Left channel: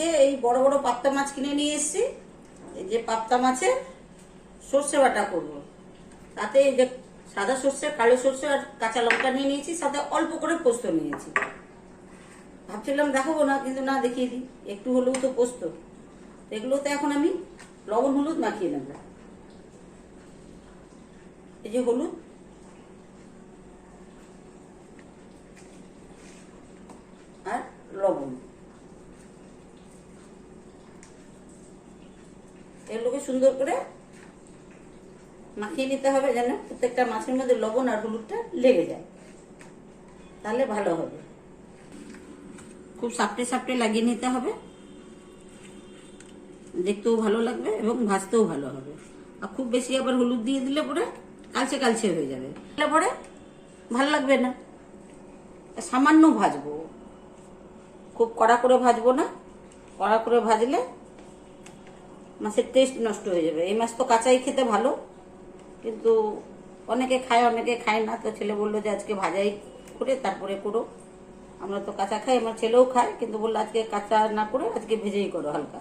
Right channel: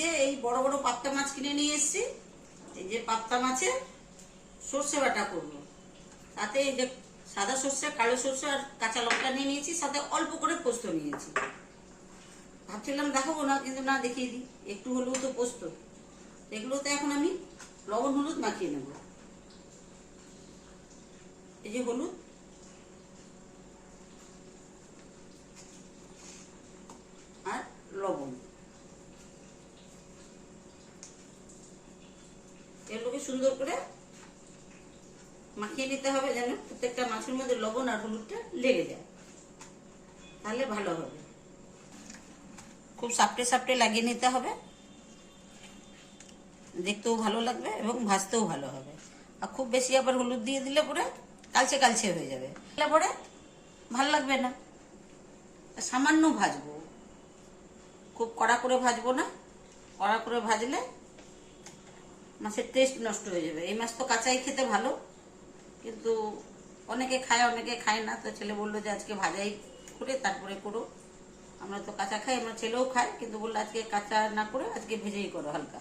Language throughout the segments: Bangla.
আজকে এই বড় বড় পাবদা মাছ কিনে নিয়ে এসেছি। এই যে পাবদা মাছের সর্ষে বাটা করব। তাতে এই যে সাদা সর্ষে, কালো সর্ষে আর কাঁচা লঙ্কা নিয়ে নিয়েছি, সাথে অল্প করে পোস্ত নিয়েছি। ভাবছিলাম দেখাবো না, কিন্তু না, দেখিয়ে দিই। একটু হলেও তো পোস্ত। এগুলোতে এখন আমি লবণ হলুদ মাখিয়ে নেব। এই যে হলুদ, আর লবণ, এগুলোকে সুন্দর করে মাখিয়ে নিতে হবে, যেন প্রত্যেকটা মাছের মধ্যে লবণ আর হলুদটা লেগে যায়, তাহলে ভালো হবে। খুব সাপটে সাপটে লাগিয়ে নিতে হবে, দেখতেও ভালো লাগবে এবং ভাজতেও ভালো হবে। আর খুব বেশি আবার হলুদ দিয়ে দিলে পরে কালচে কালচে হয়ে যাবে, পরে ভালো লাগবে না। সামান্য ভাজবো, খুব কড়া করে ভাজবো না। কড়া করে ভাজলে মাছের টেস্ট নষ্ট হয়ে যাবে। এই মাছ তো কাঁচাই খেতে ভালো, কিন্তু অনেকে খায় অনেকে খায় না। তো ছেলে বললো যে আজকে ভাজাই করে তারপরে করো। আমরা তো কাঁচা খাই, আমার ছেলেও খায়, কিন্তু বললো আজকে কাঁচা না করে আজকে ভেজেই করো হালকা।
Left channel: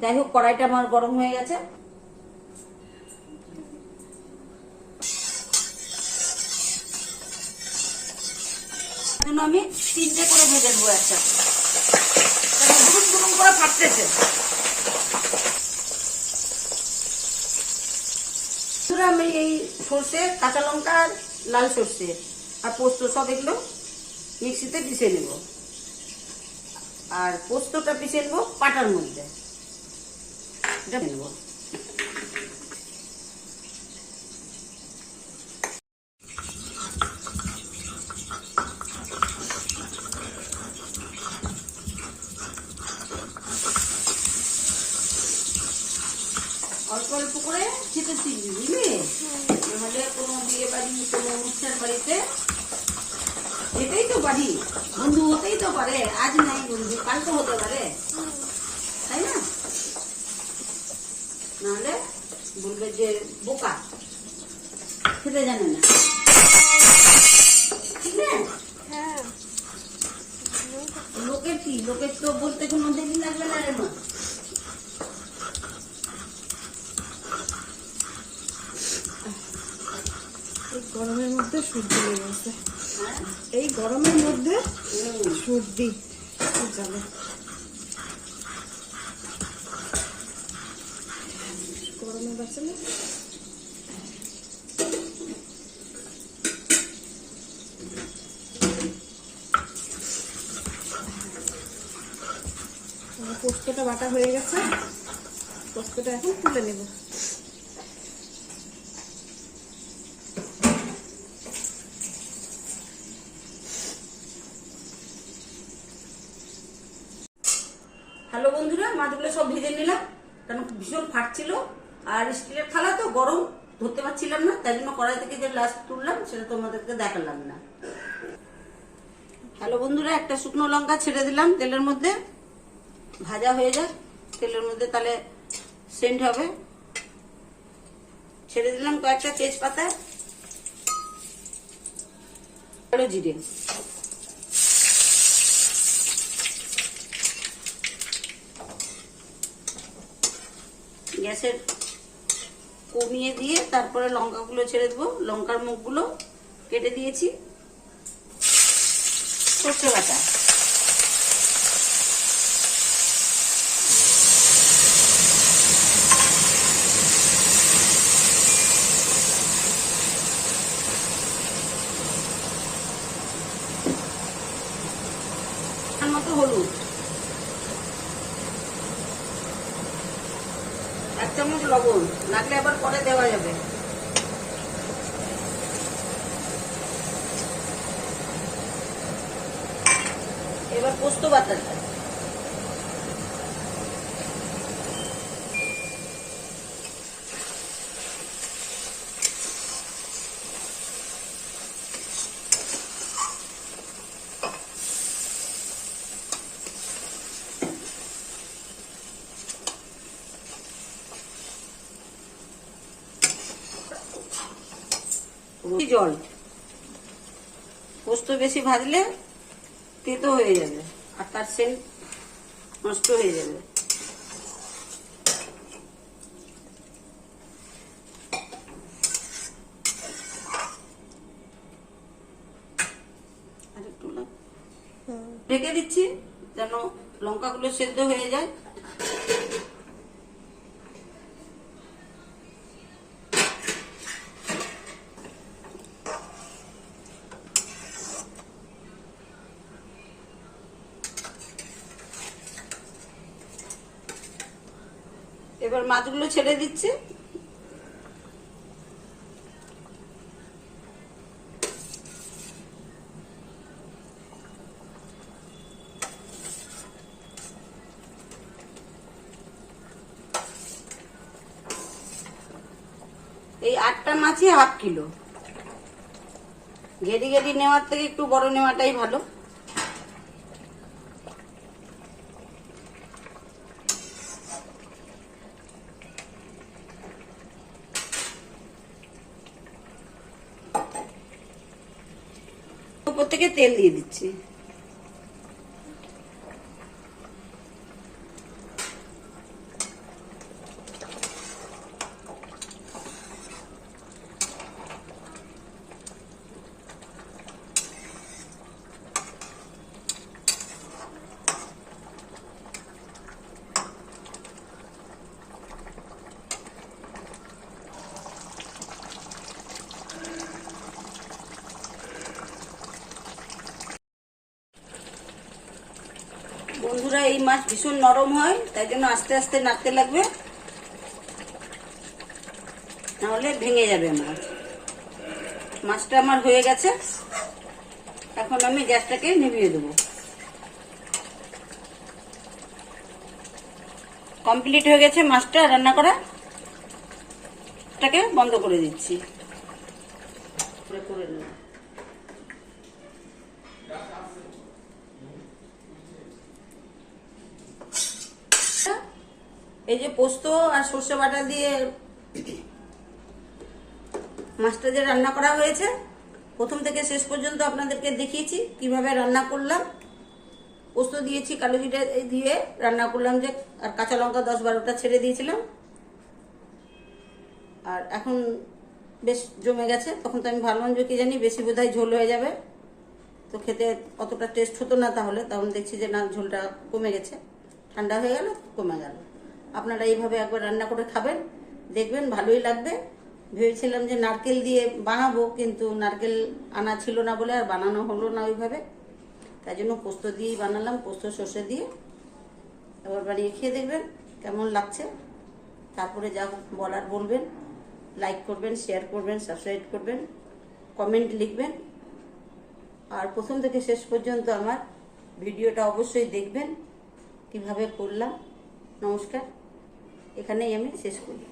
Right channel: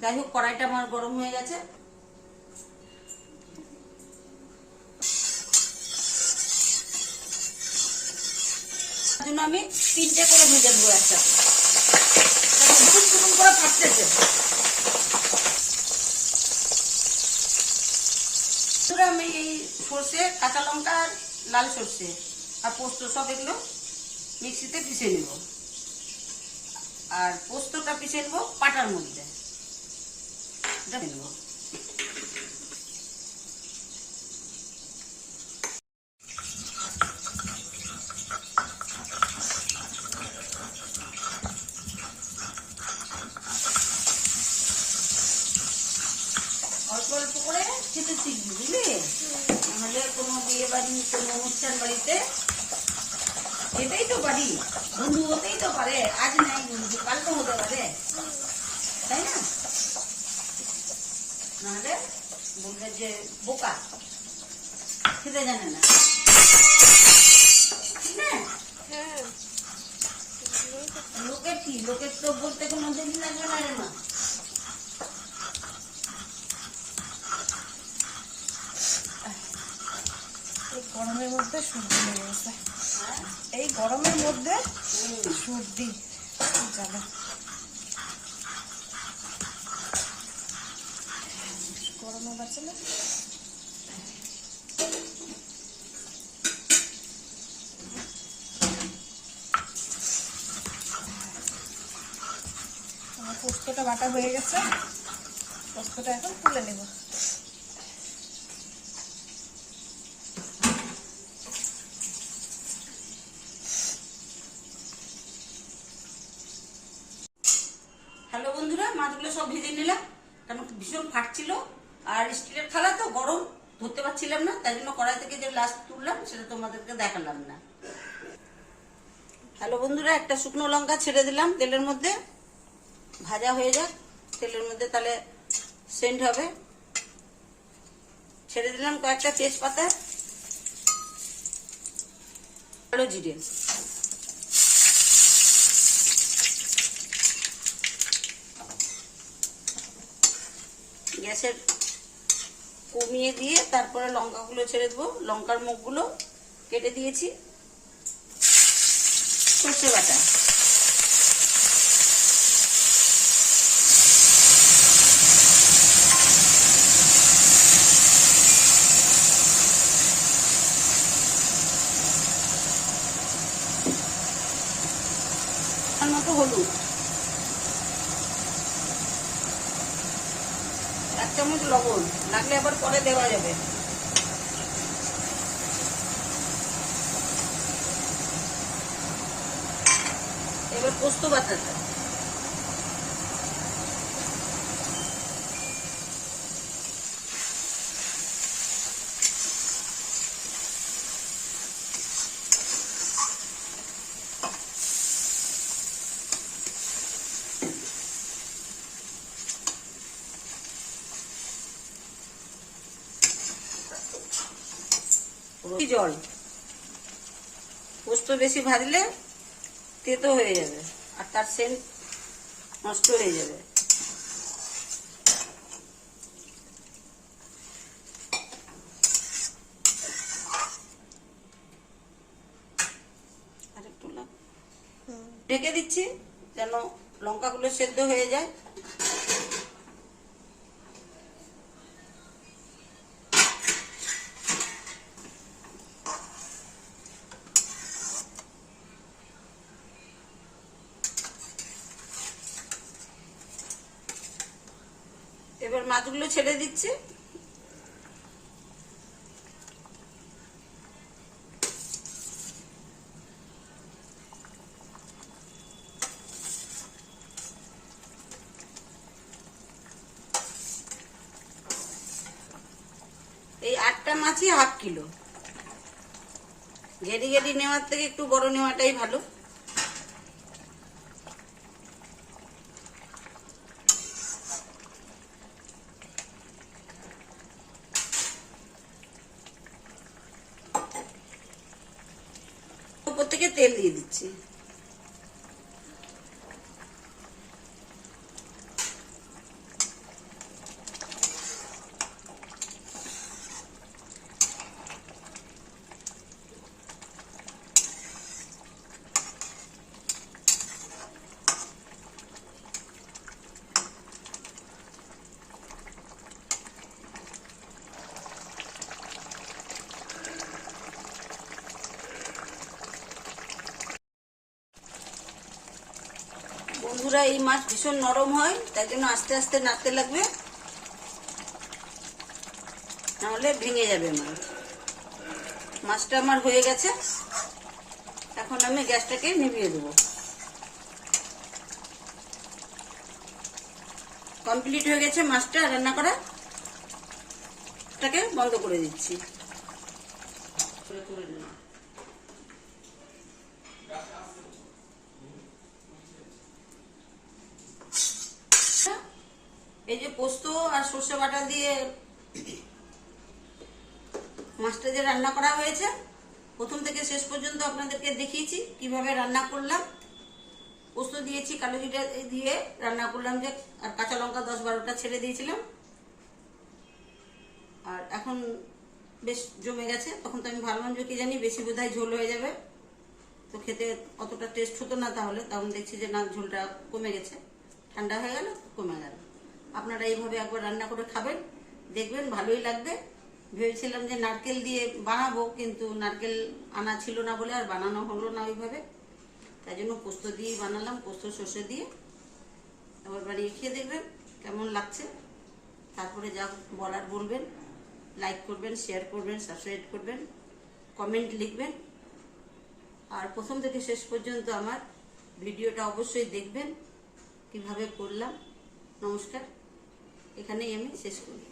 যাই হোক, কড়াইটা আমার গরম হয়ে গেছে। আমি 3টে করে ভেজে দেবো একসাথে, দুরুম দুরুম করে ফাটতেছে। আমি এই সর্ষে, কাঁচা লঙ্কা, লাল সর্ষে আর পোস্ত সব এগুলো মিক্সিতে পিষে নেব। আর পোস্তটা পিষে নেবো পাটার মধ্যে নেব। অল্প অল্প করে খেতে শিখবি, বুঝলি? নাহলে কোনো বিয়ে বাড়ি, কোনো অনুষ্ঠান বাড়িতে, এটাই তো বাড়ি, বন্ধু হতেই তো পারে। আজ নাই বন্ধু, কাল তো হতে পারে, তাই না? নাহলে বলবে যে বোকা, খেতে জানে না। ঠিক না? লোকের কি, লোকের তো বলতে কোনো দেরি লাগবে না রে মা। গরমের মধ্যে সর্দি লেগে গেছে, এই গরমের মধ্যে সর্দি যাবে। গরমে বাঁচে না। পোস্তটা বাটা হয়ে গেছে, পোস্তটা এখন তুলে নেব। হ্যালো বন্ধুরা, মাছগুলো সব ভেজে নিলাম, কারণ ভীষণ ফাটছিল। আর স্টিলের থালা তো গরম, ধরতে পারছিলাম না, তাই জন্য কড়াই থেকে যে লাস্ট তুললাম সেটা তোমাদেরকে দেখালাম না। হ্যালো বন্ধুরা, একটা শুকনো লঙ্কা ছেড়ে দিলাম তেলের মধ্যে, ভাজা হয়ে যাক তেলের মধ্যে, তাহলে সেন্ট হবে। ছেড়ে দিলাম কয়েকটা তেজপাতা, কালো জিরে, গ্যাসের কমিয়ে দিয়ে তারপরে লঙ্কাগুলো ছেড়ে দেবো। লঙ্কার মুখগুলো কেটে দিয়েছি। সর্ষে বাটা, তার মতো হলুদ, 1 চামচ লবণ, লাগলে আবার পরে দেওয়া যাবে। এবার পোস্ত বাটাটা, জল। পোস্ত বেশি ভাজলে তেতো হয়ে যাবে, আর তার সেন্ট নষ্ট হয়ে যাবে। আরেকটু ঢেকে দিচ্ছি যেন লঙ্কাগুলো সেদ্ধ হয়ে যায়। এবার মাছগুলো ছেড়ে দিচ্ছি। এই 8টা মাছই হাফ কিলো। গেডি গেডি নেওয়ার থেকে একটু বড় নেওয়াটাই ভালো। উপর থেকে তেল দিয়ে দিচ্ছি। বন্ধুরা, এই মাছ ভীষণ নরম হয়, তাই জন্য আস্তে আস্তে নাড়তে লাগবে, নাহলে ভেঙে যাবে মাছ। মাছটা আমার হয়ে গেছে, এখন আমি গ্যাসটাকে নিভিয়ে দেবো। কমপ্লিট হয়ে গেছে মাছটা রান্না করা, এটাকে বন্ধ করে দিচ্ছি। করে নেব। এই যে পোস্ত আর সর্ষে বাটা দিয়ে মাছটা যে রান্না করা হয়েছে, প্রথম থেকে শেষ পর্যন্ত আপনাদেরকে দেখিয়েছি কিভাবে রান্না করলাম। পোস্ত দিয়েছি, কালো জিরা দিয়ে রান্না করলাম, যে আর কাঁচা লঙ্কা 10-12টা ছেড়ে দিয়েছিলাম। আর এখন বেশ জমে গেছে। তখন তো আমি ভাবলাম যে কি জানি বেশি বোধহয় ঝোল হয়ে যাবে, তো খেতে অতটা টেস্ট হতো না। তাহলে তখন দেখছি যে না, ঝোলটা কমে গেছে, ঠান্ডা হয়ে গেল, কমে গেল। আপনারা এইভাবে একবার রান্না করে খাবেন, দেখবেন ভালোই লাগবে। ভেবেছিলাম যে নারকেল দিয়ে বানাবো, কিন্তু নারকেল আনা ছিল না বলে আর বানানো হলো না ওইভাবে। তাই জন্য পোস্ত দিয়েই বানালাম, পোস্ত সর্ষে দিয়ে। এবার বানিয়ে খেয়ে দেখবেন কেমন লাগছে। তারপরে যা বলার বলবেন, লাইক করবেন, শেয়ার করবেন, সাবস্ক্রাইব করবেন, কমেন্ট লিখবেন। আর প্রথম থেকে শেষ পর্যন্ত আমার ভিডিওটা অবশ্যই দেখবেন কিভাবে করলাম। নমস্কার, এখানেই আমি শেষ করি।